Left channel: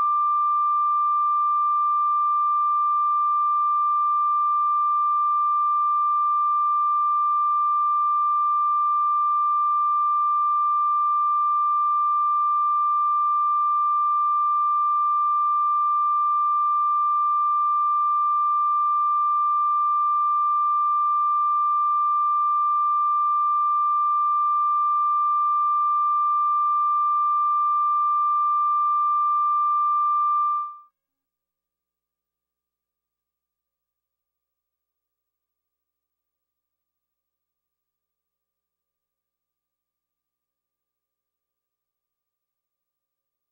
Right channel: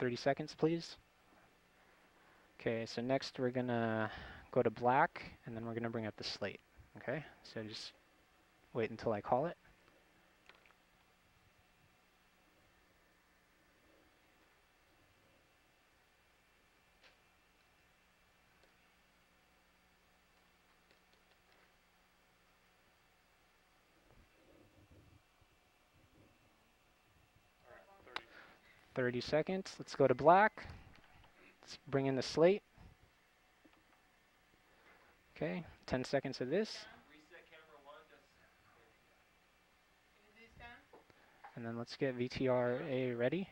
30 seconds, please. Okay, so next we're gonna go to black, and then we're gonna bring up the slate. Okay, so just wait until I call it. All right, 30 seconds. Let's go to black. Let's bring in the slate. Okay, 10 seconds of this. And then let's get VTRA ready.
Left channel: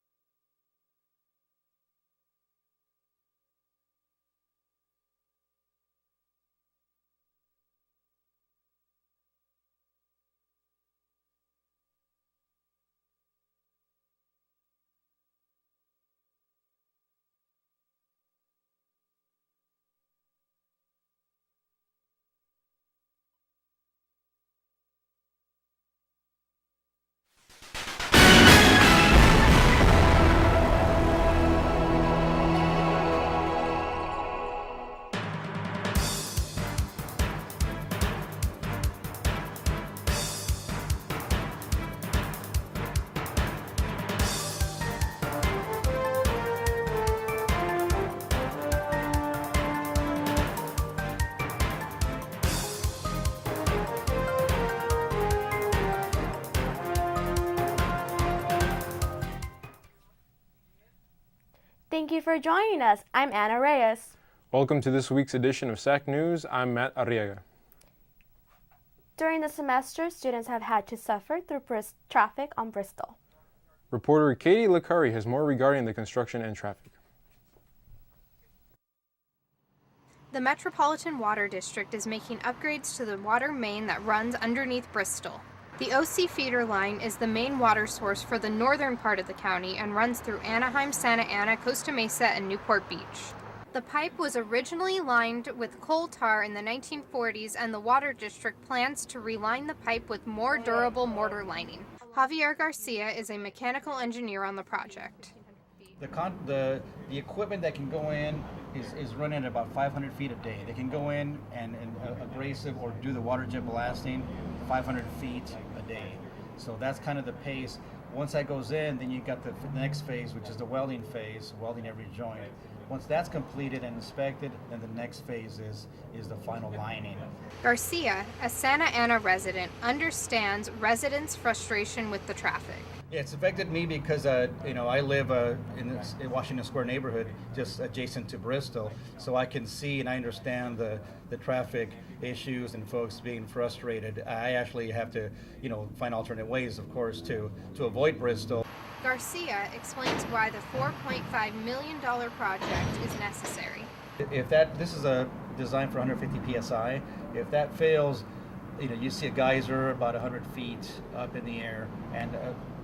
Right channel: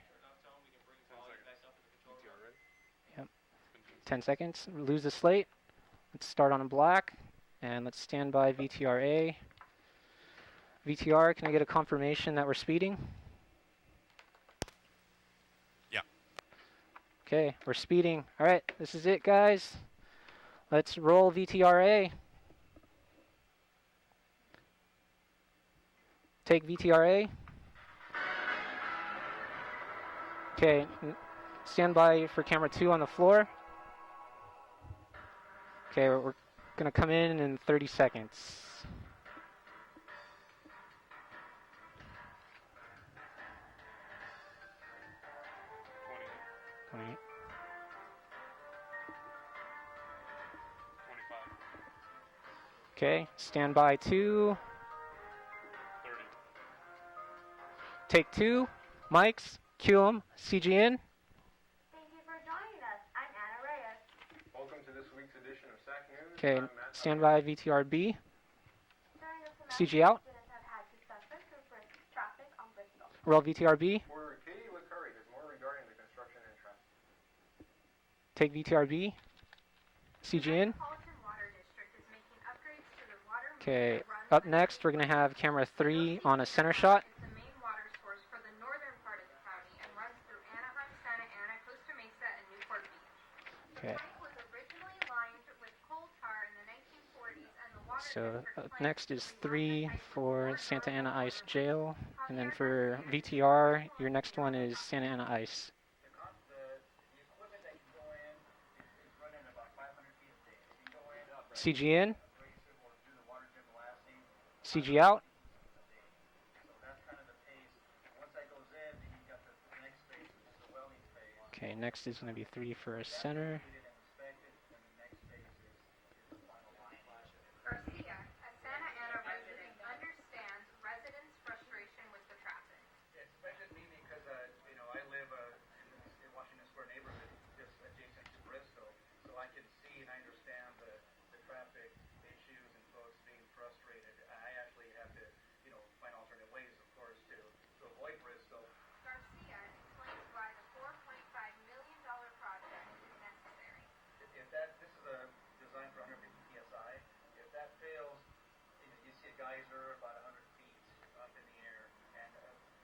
Yep. 10 seconds. Lose the slate. Let's start on a black. And let's stand by VTRA. VTR, can I get a confirmation that we're speeding? Yeah. Okay, we're speeding. All right, this is it, guys. Let's roll VTRA. Take VTRA. Okay, stand by for camera 2 on the floor. Okay, we're gonna come in 30 seconds. Okay, stand by 2. Take 2, mics, cue 'em, CG in. Thank you for joining us. I'm Anna Reyes. Welcome to this week's edition of SAC News. Okay, I'm Matt stand by Arriaga. VTRB. During the semester, students have had to suffer through traffic on Bristol. Roll VTRB. Reporter Katie LaCurry has more regarding the construction and traffic. Take VTRB. The Metropolitan Water District is making upgrades to the water main that runs Up underneath next, Bristol. The OC feeder line is the main water source for the northern part of the county and runs through Anaheim, Santa Ana, Costa Mesa, and Newport Beach. The pipe was originally lined with coal tar in the 1940s, and the Water District plans to reline the pipe with more durable mortar lining. Javier Garcia is a mechanical engineer on the project. The equipment that can go in is running at about 500 feet a day. They can go in and abrasive or do the water jet blasting 500 feet a day. So that's kind of the pace. Once that goes in, then you got the next phase, which is the welding phase, welding every joint. Once that's completed and inspected, then the next phase is the final lining. Garcia, a Santa Ana resident, understands residents' frustration with the traffic. Yeah, it's affected me because I live in the Washington Square neighborhood, just adjacent to Bristol, so I can see and I understand the traffic issues and folks being frustrated. I actually have to, find alternate ways, of course, to avoid Bristol. Garcia explains why the $4.5 million project is necessary. If this is a design for 150 psi, if that fails, you see a geyser about 100 feet up in the air and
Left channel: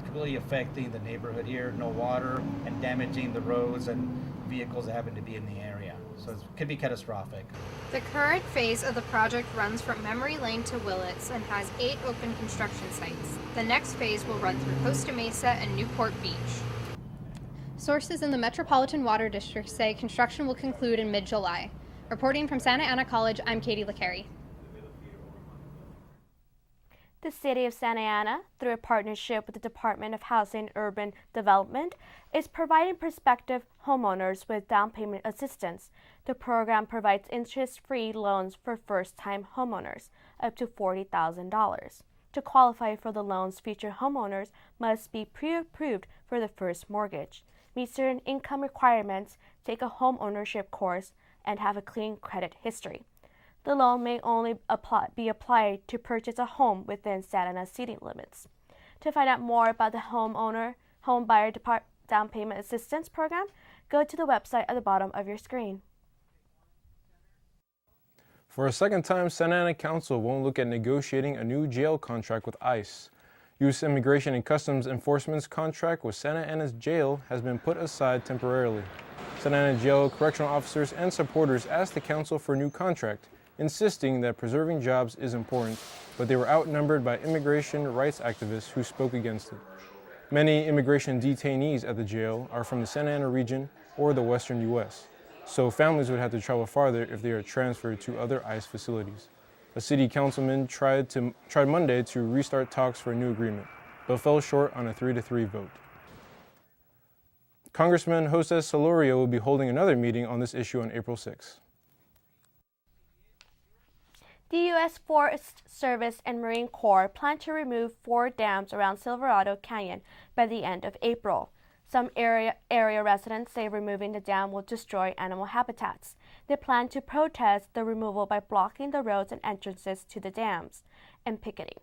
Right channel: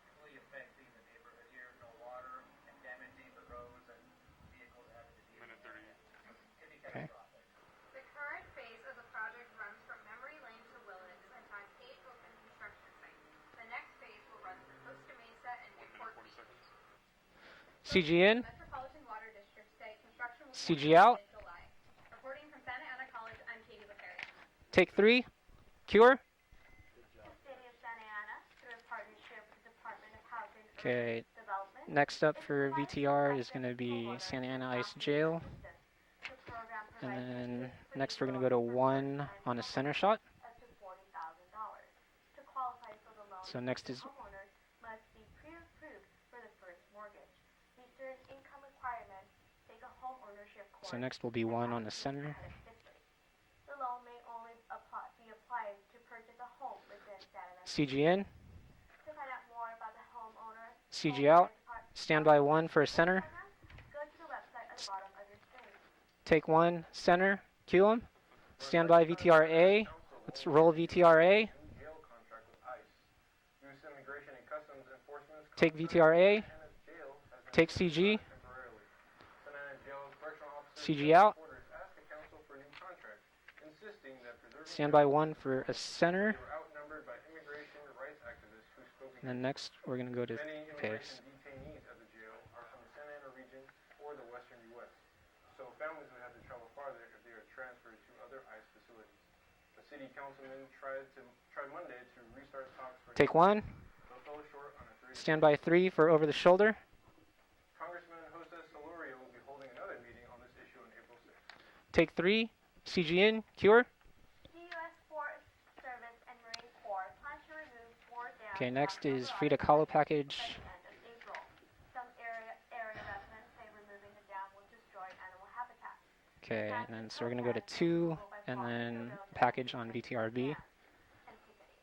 completely affecting the neighborhood here, no water, and damaging the roads and vehicles that happen to be in the area. So it could be catastrophic. The current phase of the project runs from Memory Lane to Willits and has 8 open construction sites. The next phase will run through Costa Mesa and Newport Beach. Sources in the Metropolitan Water District say construction will conclude in mid-July. Reporting from Santa Ana College, I'm Katie LaCarry. Take 3, cure. The City of Santa Ana, through a partnership with the Department of Housing and Urban Development, is providing prospective homeowners with down payment assistance. The program provides interest-free loans for first-time homeowners, up to $40,000. To qualify for the loans, future homeowners must be pre-approved for the first mortgage, meet certain income requirements, take a home ownership course, and have a clean credit history. The loan may only be applied to purchase a home within Santa Ana city limits. To find out more about the homebuyer down payment assistance program, go to the website at the bottom of your screen. Take 1, center, cue 'em. For a second time, Santa Ana Council won't look at negotiating a new jail contract with ICE. U.S. Immigration and Customs Enforcement's contract with Santa Ana's jail has been put aside temporarily. Santa Ana Jail correctional officers and supporters asked the council for a new contract, insisting that preserving jobs is important, but they were outnumbered by immigration rights activists who spoke against it. Many immigration detainees at the jail are from the Santa Ana region or the western U.S., so families would have to travel farther if they are transferred to other ICE facilities. A city councilman tried Monday to restart talks for a new agreement, but fell short on a 3-3 vote. Stand by 3 for over the shoulder. Congressman Jose Solorio will be holding another meeting on this issue on April 6. Take 3, CGN, cure. The U.S. Forest Service and Marine Corps plan to remove 4 dams around Silverado Canyon by the end of April. Some area residents say removing the dam will destroy animal habitats. They plan to protest the removal by blocking the roads and entrances to the dams and picketing.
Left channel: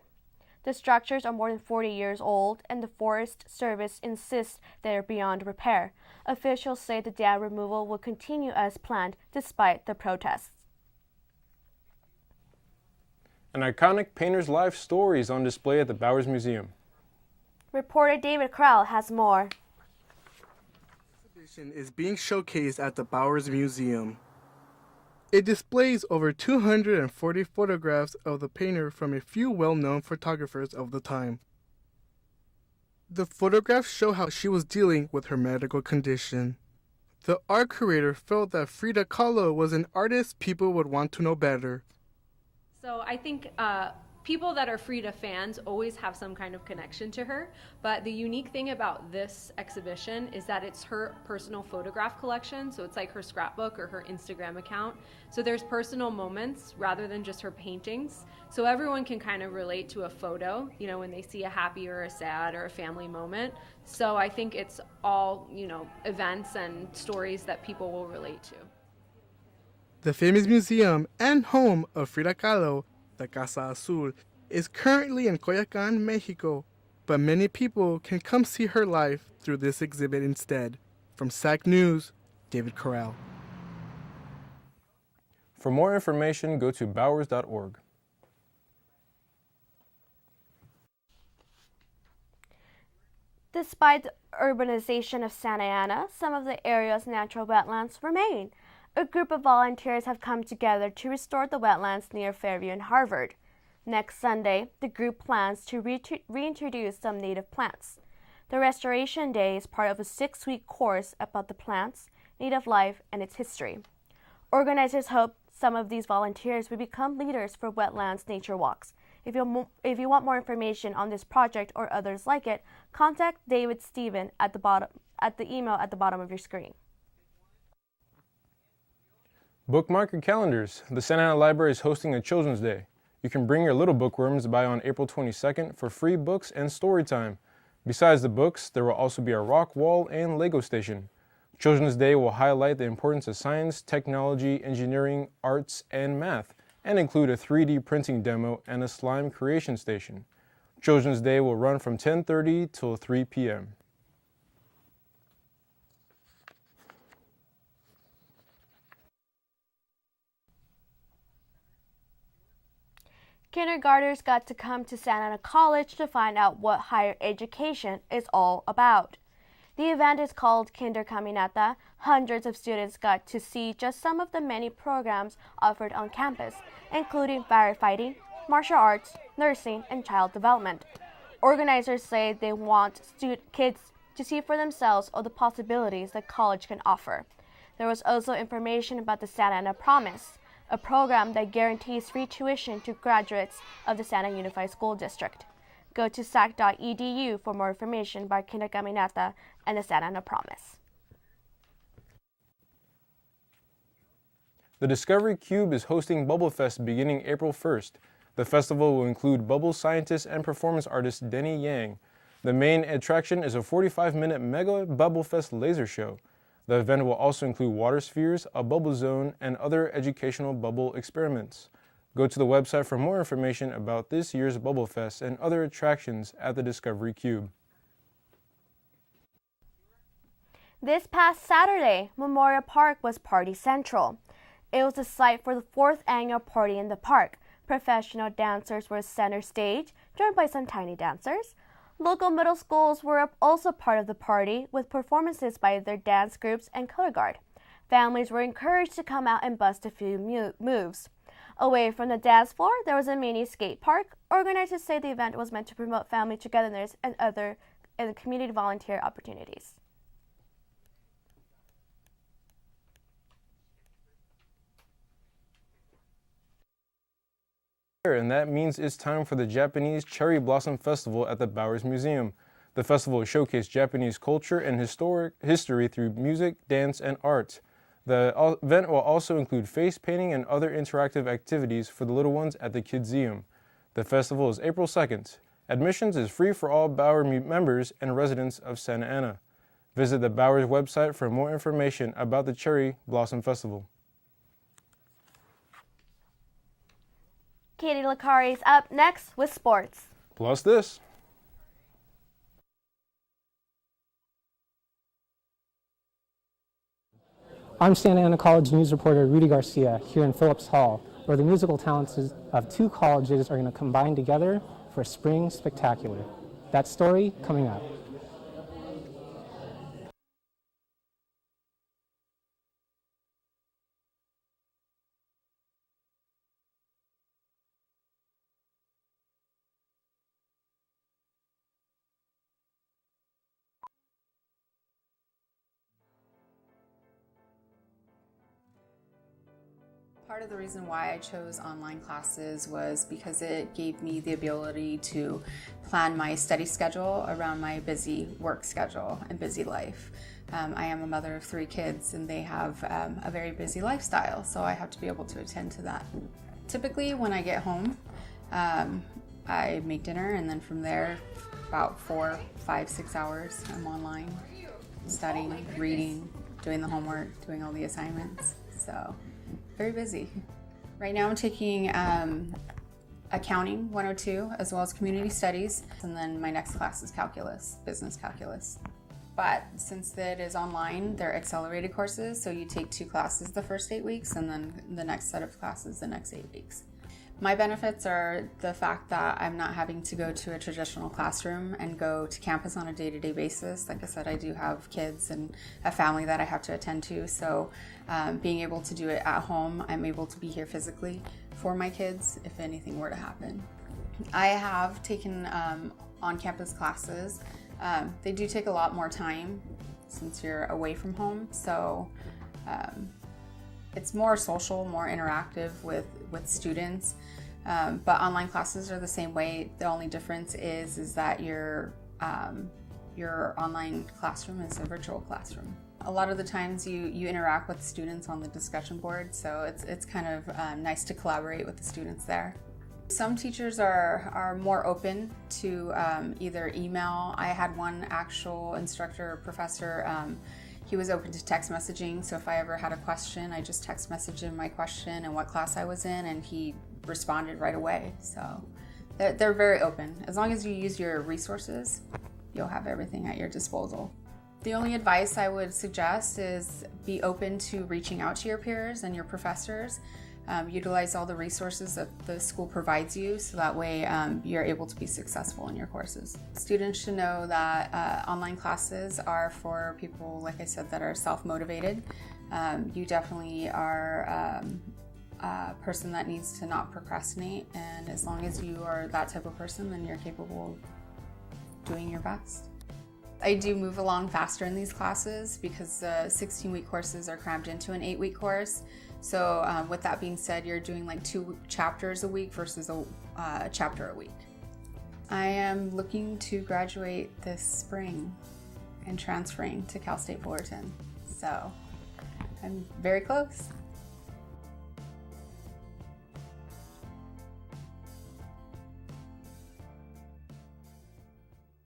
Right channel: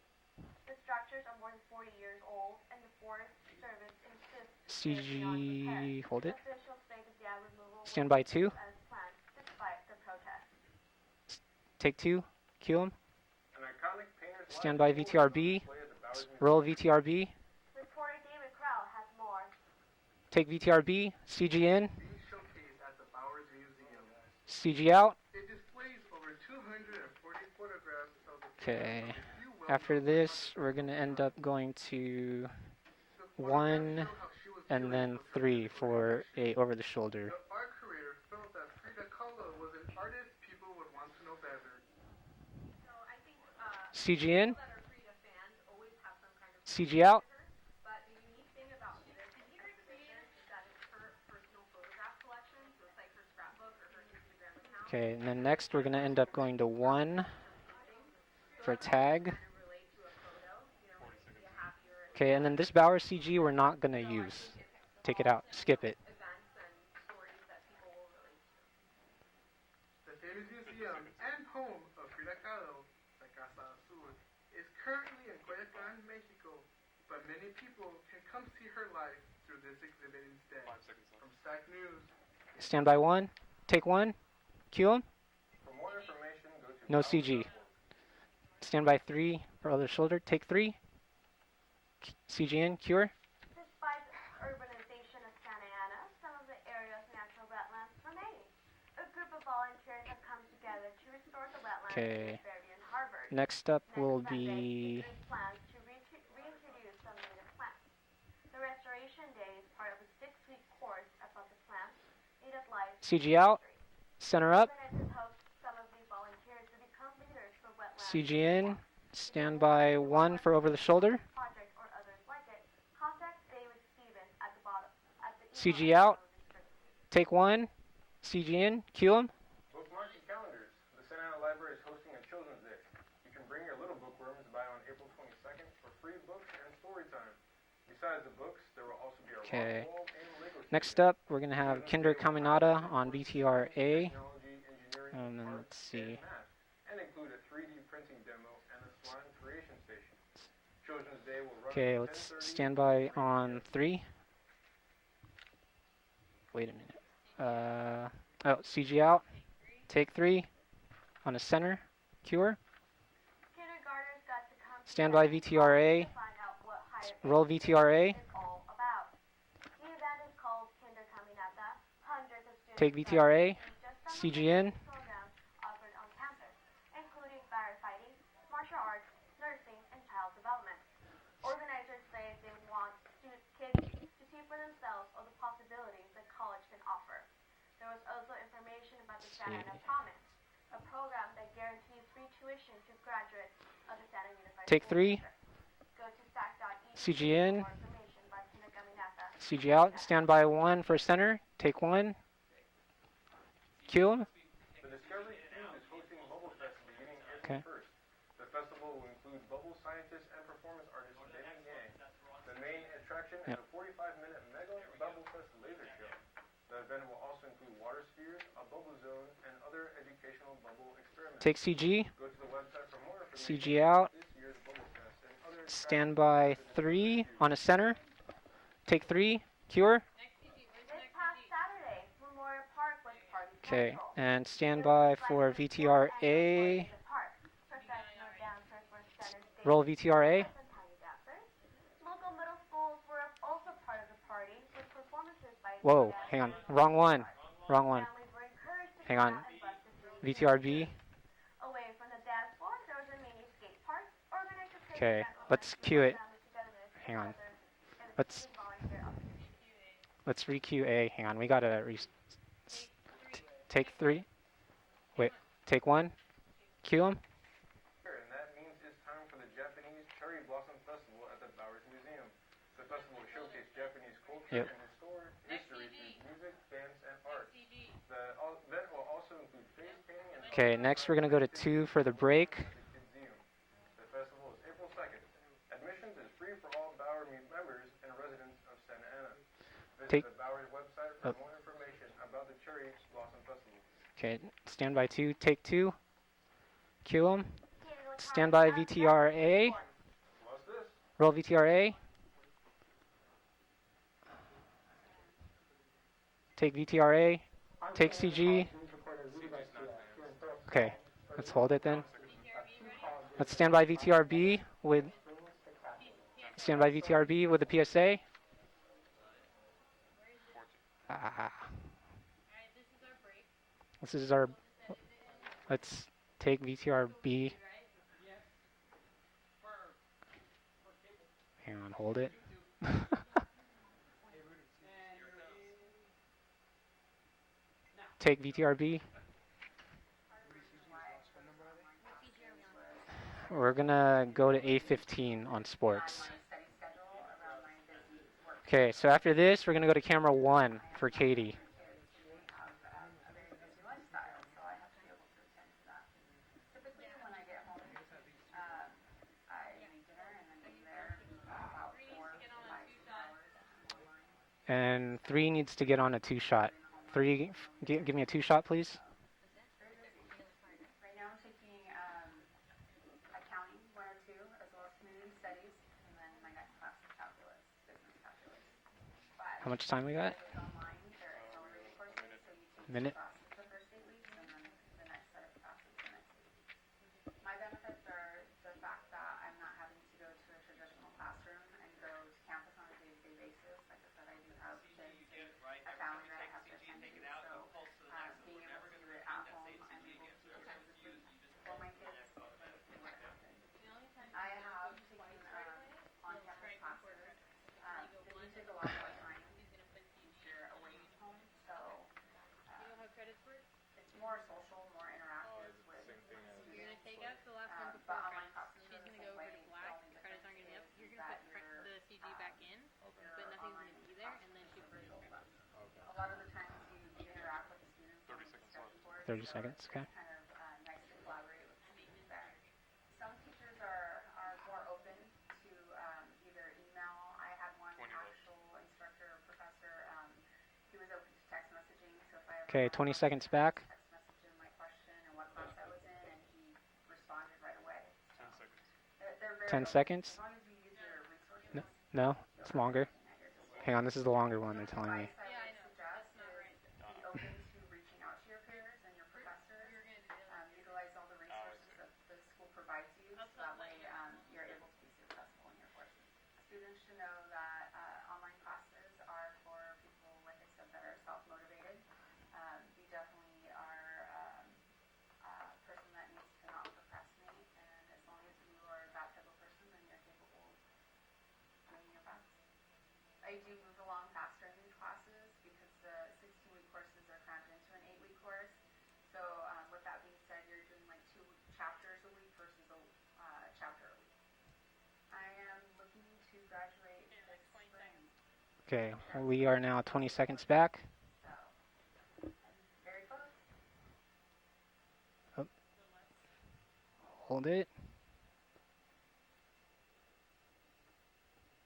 The structures are more than 40 years old, and the Forest Service insists they are beyond repair. Officials say the dam removal will continue as planned despite the protests. Take 2, cue 'em. An iconic painter's life story is on display at the Bowers Museum. Roll VTRB. Reporter David Krell has more. Take VTRB, CGN. It's being showcased at the Bowers Museum. CG out. It displays over 240 photographs of the painter from a few well-known photographers of the time. The photographs show how she was dealing with her medical condition. The art curator felt that Frida Kahlo was an artist people would want to know better. So I think people that are Frida fans always have some kind of connection to her. But the unique thing about this exhibition is that it's her personal photograph collection. So it's like her scrapbook or her Instagram account. So there's personal moments rather than just her paintings. So everyone can kind of relate to a photo, you know, when they see a happy or a sad or a Bowers family CG moment. we're not going to So use. I think it's all events and stories that people will relate to. The famous museum and home of Frida Kahlo, the Casa Azul, is currently in Coyoacán, Mexico, but many people can come see her live through this exhibit instead. From SAC News, David Stand Crowell. by 1, take 1, cue 'em. For more information, go to bowers.org. Stand by 3 for other shoulder, take 3, CGN, cure. Despite the urbanization of Santa Ana, some of the area's natural wetlands remain. A group of volunteers have come together to restore the wetlands near Fairview and Harvard. Next Sunday, the group plans to reintroduce some native plants. The Restoration Day is part of a 6-week course about the plants, native life, and its history. Organizers hope some of these volunteers will become leaders for wetlands nature walks. If you want more information on this project or others like it, contact David Stephen at the email at the bottom of your screen. Take 1. CGN, cue 'em. Bookmark your calendars. The Santa Ana Library is hosting a Children's Day. You can bring your little bookworms by on April 22nd for free books and story time. Besides the books, there will also be a rock wall and Lego station. Next up, we're going to have Children's Day will highlight the importance of science, technology, engineering, arts, and math, and include a 3D printing demo and a slime creation station. Children's Day will run from 10:30 till 3 p.m. 3. Wait a minute. CG out. Take 3 on a center. Cure. Kindergartners got to come to Santa Ana College to find out what higher education is all about. The event is called Kinder Caminata. Hundreds of students got to see just some of the many programs offered on campus, including firefighting, martial arts, nursing, and child development. Organizers say they want kids to see for themselves all the possibilities that college can offer. There was also information about the Santa Ana Promise, a program that guarantees free tuition to graduates of the Santa Unified School District. Go to sac.edu for more information about Kinder Caminata and the Santa Ana Stand Promise. by 1 for center. Take 1. Cue. The Discovery Cube is hosting Bubble Fest beginning April 1st. The festival will include bubble scientist and performance artist Denny Yang. The main attraction is a 45-minute mega Bubble Fest laser show. The event will also include water spheres, a bubble zone, and other educational bubble experiments. Take CG. Go to the website for more information about this year's Bubble Fest and other attractions at the Discovery Cube. On a center. Take 3. Cure. This past Saturday, Memorial Park was Party Central. And it was the site for the 4th annual party in the park. Professional dancers were center stage, joined by some tiny dancers. Local middle schools were also part of the party, with performances by the dance groups and Coast Guard. Families were encouraged to come out and bust a few moves. Away from the dance floor, there was a mini skate park. Organizers say the event was meant to promote family togetherness and other community volunteer opportunities. Let's re-cue A. Hang on, we gotta take 3. Wait, take 1. Cue them. And that means it's time for the Japanese Cherry Blossom Festival at the Bowers Museum. The festival will showcase Japanese culture and history through music, dance, and art. The event will also include face painting and other interactive activities for the little ones at the Kidseum. The festival is April 2nd. Admissions is free for all Bowers members and residents of Santa Ana. Visit the Bowers website for more information about the Cherry Blossom Festival. Okay, stand by 2, take 2. Cue them. Katie Lakari is up VTRA. Next with sports. Plus this. Roll VTRA. Take VTRA. I'm Santa Ana College news reporter Rudy Garcia here in Phillips Hall, where the musical talents of 2 colleges are combined together for Spring Spectacular. Stand by VTRB with a PSA. This is our, let's take VTRB. Hang on, hold it. Take VTRB. Part of the reason why I chose online classes was because it We're gave me the ability to on plan my study schedule around my busy work schedule. Okay, so after this, we're going to go to camera 1 I am for a mother Katie. of 3 kids, and they have a very busy lifestyle, so I have to be able to attend to that. Typically, when I get home, I make dinner, and then from there, about 4, 5, 6 hours, I'm online. And 3 needs to get on a 2-shot. Doing the homework, doing all the assignments. Give me a 2-shot, please. So, very busy. Right now I'm taking Accounting 102 as well as Community Studies, and then my next class is Calculus, Business Calculus. But since it is online, they're accelerated courses, so you take 2 classes the first 8 weeks and then the next set of classes the next 8 weeks. My benefits are the fact that I'm not having to go to a traditional classroom and go to campus on a day-to-day basis. Like I said, I do have kids and a family that I have to attend to, so being able to do it at home, I'm able to be here physically for my kids if anything were to happen. I have taken on-campus classes. They do take a lot more time since you're away from home, so it's more social, more interactive with students, but online classes are the same way. The only difference is that your online classroom is a virtual classroom. A lot of the times you interact with students on the discussion board, so it's kind of nice to collaborate with the students there. Some teachers are more open to either email. I had one actual instructor or professor, he was open to text messaging, so if I ever had a question, I just text messaged him my question and what class I was in, and he responded right away. So they're very open. As long as you use your resources, you'll have everything at your disposal. Hang on, this is the longer one. The only advice I would suggest is be open to reaching out to your peers and your professors. Utilize all the resources that the school provides you, so that way you're able to be successful in your courses. Students should know that online classes are for people, like I said, that are self-motivated. You definitely are a person that needs to not procrastinate, and as long as you are that type of person, then you're capable of doing your best. I do move along faster in these classes because 16-week courses are crammed into an 8-week course. So with that being said, you're doing like 2 chapters a week versus a chapter a week. I am looking to graduate this spring and transferring to Cal State Fullerton. So I'm very close. Hold it.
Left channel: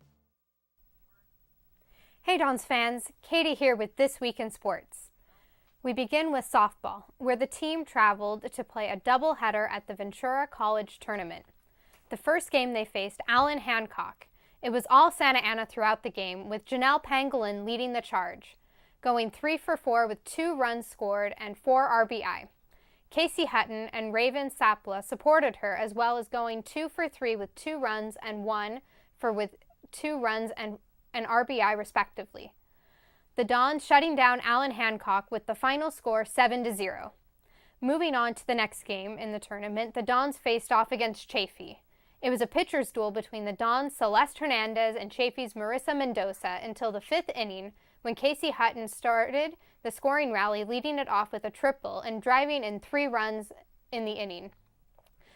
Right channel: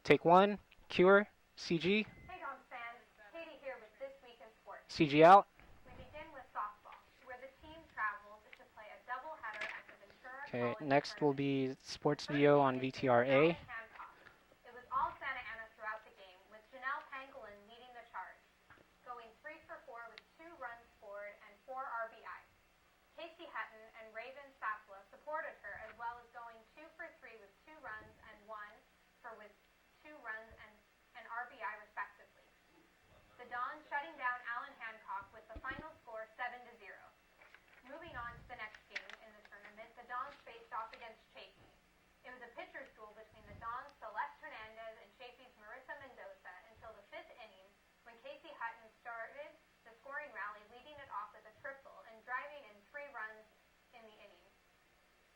Take 1, Cure, CG. Hey Dons fans, Katie here with This Week in Sports. CG out. We begin with softball, where the team traveled to play a doubleheader at the Ventura College Tournament. The first game they faced Allen Hancock. It was all Santa Ana throughout the game, with Janelle Pangolin leading the charge, going 3 for 4 with 2 runs scored and 4 RBI. Casey Hutton and Raven Sapla supported her, as well as going 2 for 3 with 2 runs and 1 for with 2 runs and an RBI respectively. The Dons shutting down Allen Hancock with the final score 7-0. Moving on to the next game in the tournament, the Dons faced off against Chaffee. It was a pitcher's duel between the Dons' Celeste Hernandez and Chaffee's Marissa Mendoza until the 5th inning, when Casey Hutton started the scoring rally, leading it off with a triple and driving in 3 runs in the inning.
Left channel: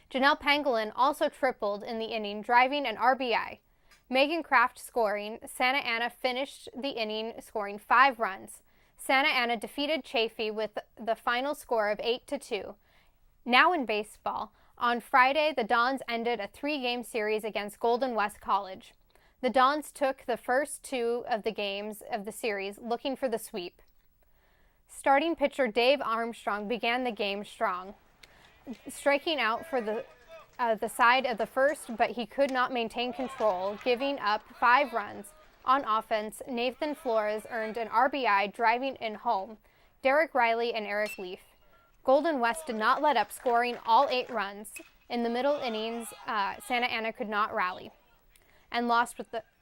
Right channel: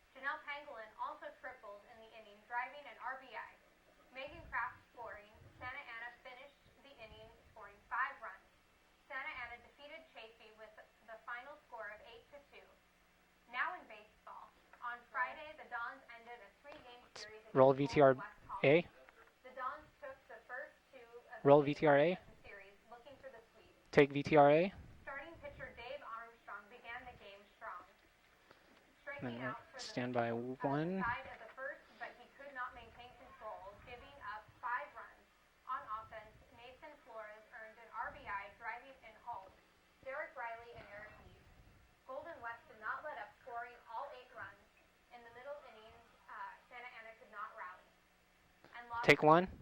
Janelle Pangolin also tripled in the inning, driving an RBI. Megan Kraft scoring. Santa Ana finished the inning scoring 5 runs. Santa Ana defeated Chaffee with the final score of 8-2. Now in baseball, on Friday, the Dons ended a 3-game series against Golden West College. The Dons took the first 2 of the games of the series, looking for the sweep. Take VTRA. Starting pitcher Dave Armstrong began the game strong, striking out for the side of the first, but he could not maintain control, giving up 5 runs. On offense, Nathan Flores earned an RBI, driving in home Derek Riley and Eric Leaf. Golden West did not let up, scoring all 8 runs. In the middle innings, Santa Ana could not rally and lost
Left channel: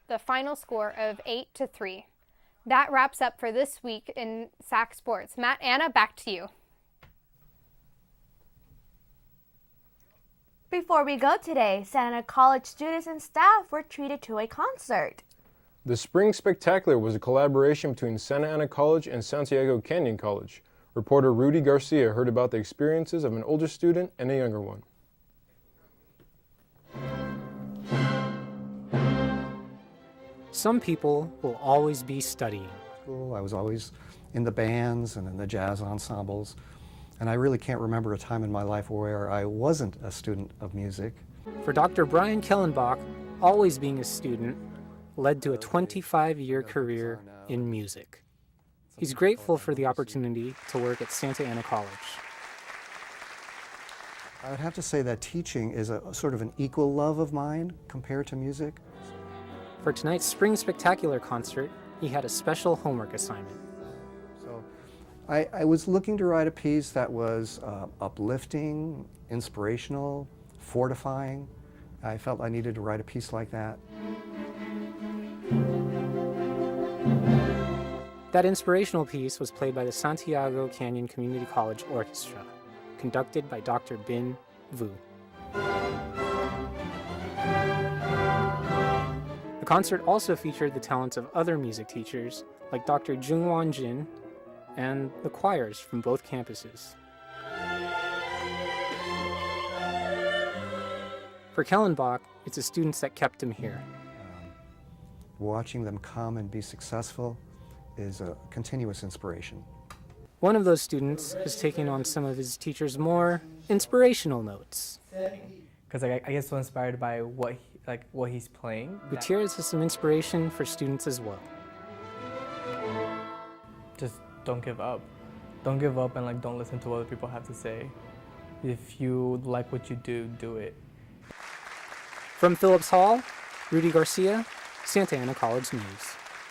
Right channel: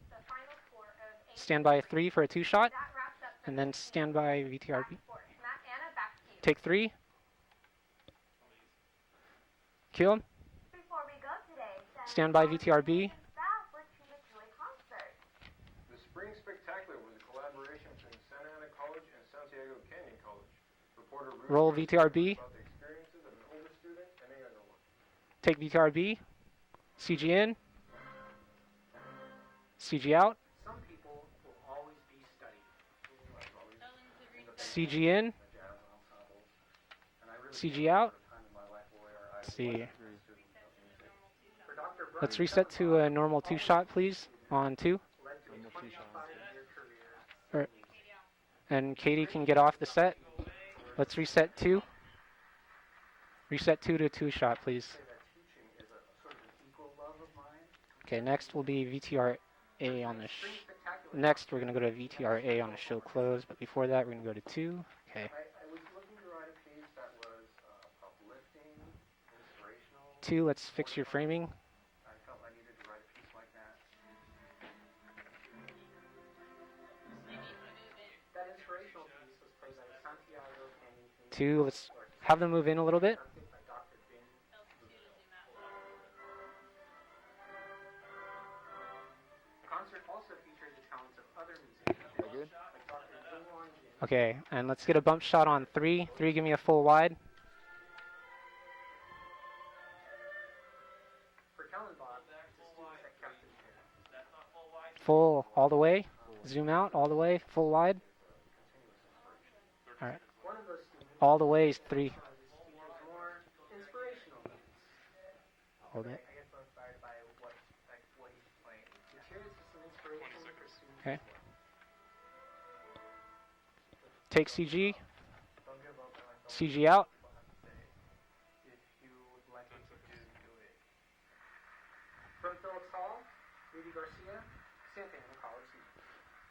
the final score of 8-3. Stand by 3 for a 2-shot. That wraps up for this week in SAC Sports. Matt, Anna, back to you. Take 3. Cue 'em. Before we go today, Santa Ana College students and staff were treated to a concert. The Spring Spectacular was a collaboration between Santa Ana College and Santiago Canyon College. Reporter Rudy Garcia heard about the experiences of an older student and a younger one. Take VTRB. CG in. CG out. Some people will always be studying. I was always in the bands and in the jazz ensembles. And I really can't remember a time in my life where I wasn't a student of music. For Dr. Brian Kellenbach, always being a student led to a 25-year career in music. And he's grateful for the opportunity to work at Santa Ana College. Reset 2 to 2-shot, I'd have to say that teaching is a sort of an equal love of mine compared to music. Next will be VTR. For tonight's Spring Spectacular concert, he had a special homework assignment. But before that, we're going to go to 2. I was looking to write a piece that was uplifting, inspirational, 2, let's fortifying. I felt I needed to write a piece like that. That inspirational piece was played by the Santiago Canyon Community College Orchestra. Have them move in a little bit. Conducted by Dr. Bin Vu. The concert also featured the talents of other music teachers, like Dr. Jungwon Jin. Okay, and let's get a bump shot on 3. 3, give me a full wide. For Kellenbach, it's the students that kept him here. Full, all the way. Zoom out, all the way, full wide. Is a continuous inspiration. All right. One of those students is taking on some of his teachers' more inspirational notes. Because I get so inspired by what he's playing. Gutierrez has some inspiration for students as well. Just don't give up. Don't give up and don't listen to what people have to say. If you like what you do, do it. From Phillips Hall, Rudy Garcia, Santa Ana College News.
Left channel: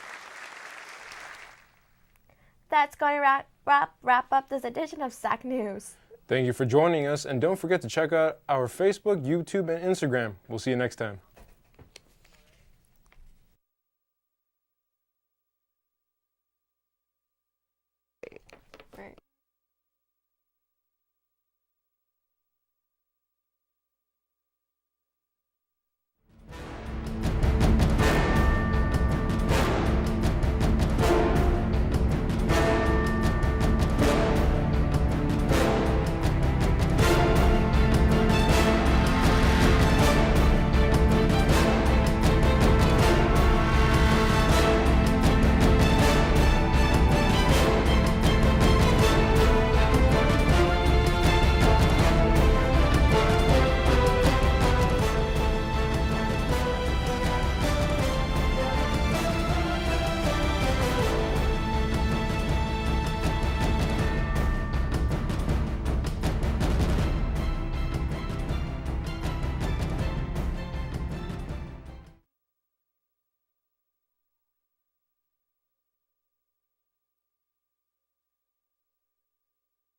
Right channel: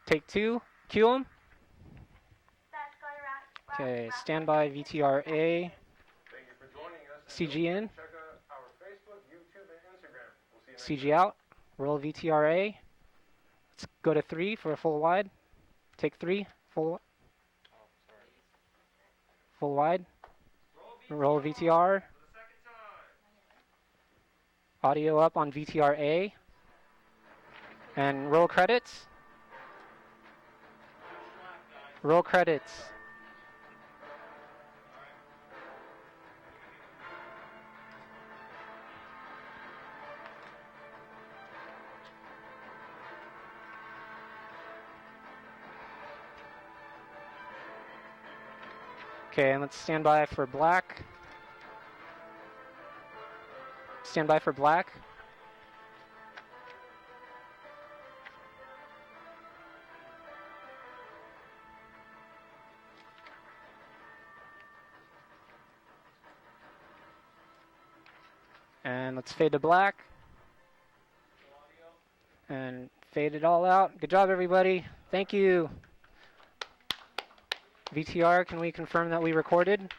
Take 2, cue 'em. That's going to wrap up this edition of SAC News. Thank you for joining us, and don't forget to check out our Facebook, YouTube, and Instagram. We'll see you next time. CG out, roll VTRA. Let's go to 3 for a full wide. Take 3, full wide. Roll VTR. Audio up on VTRA. And roll credits. Roll credits. Fade to black. And fade it all out. Good job, everybody. Thank you. VTR, can we confirm that we recorded?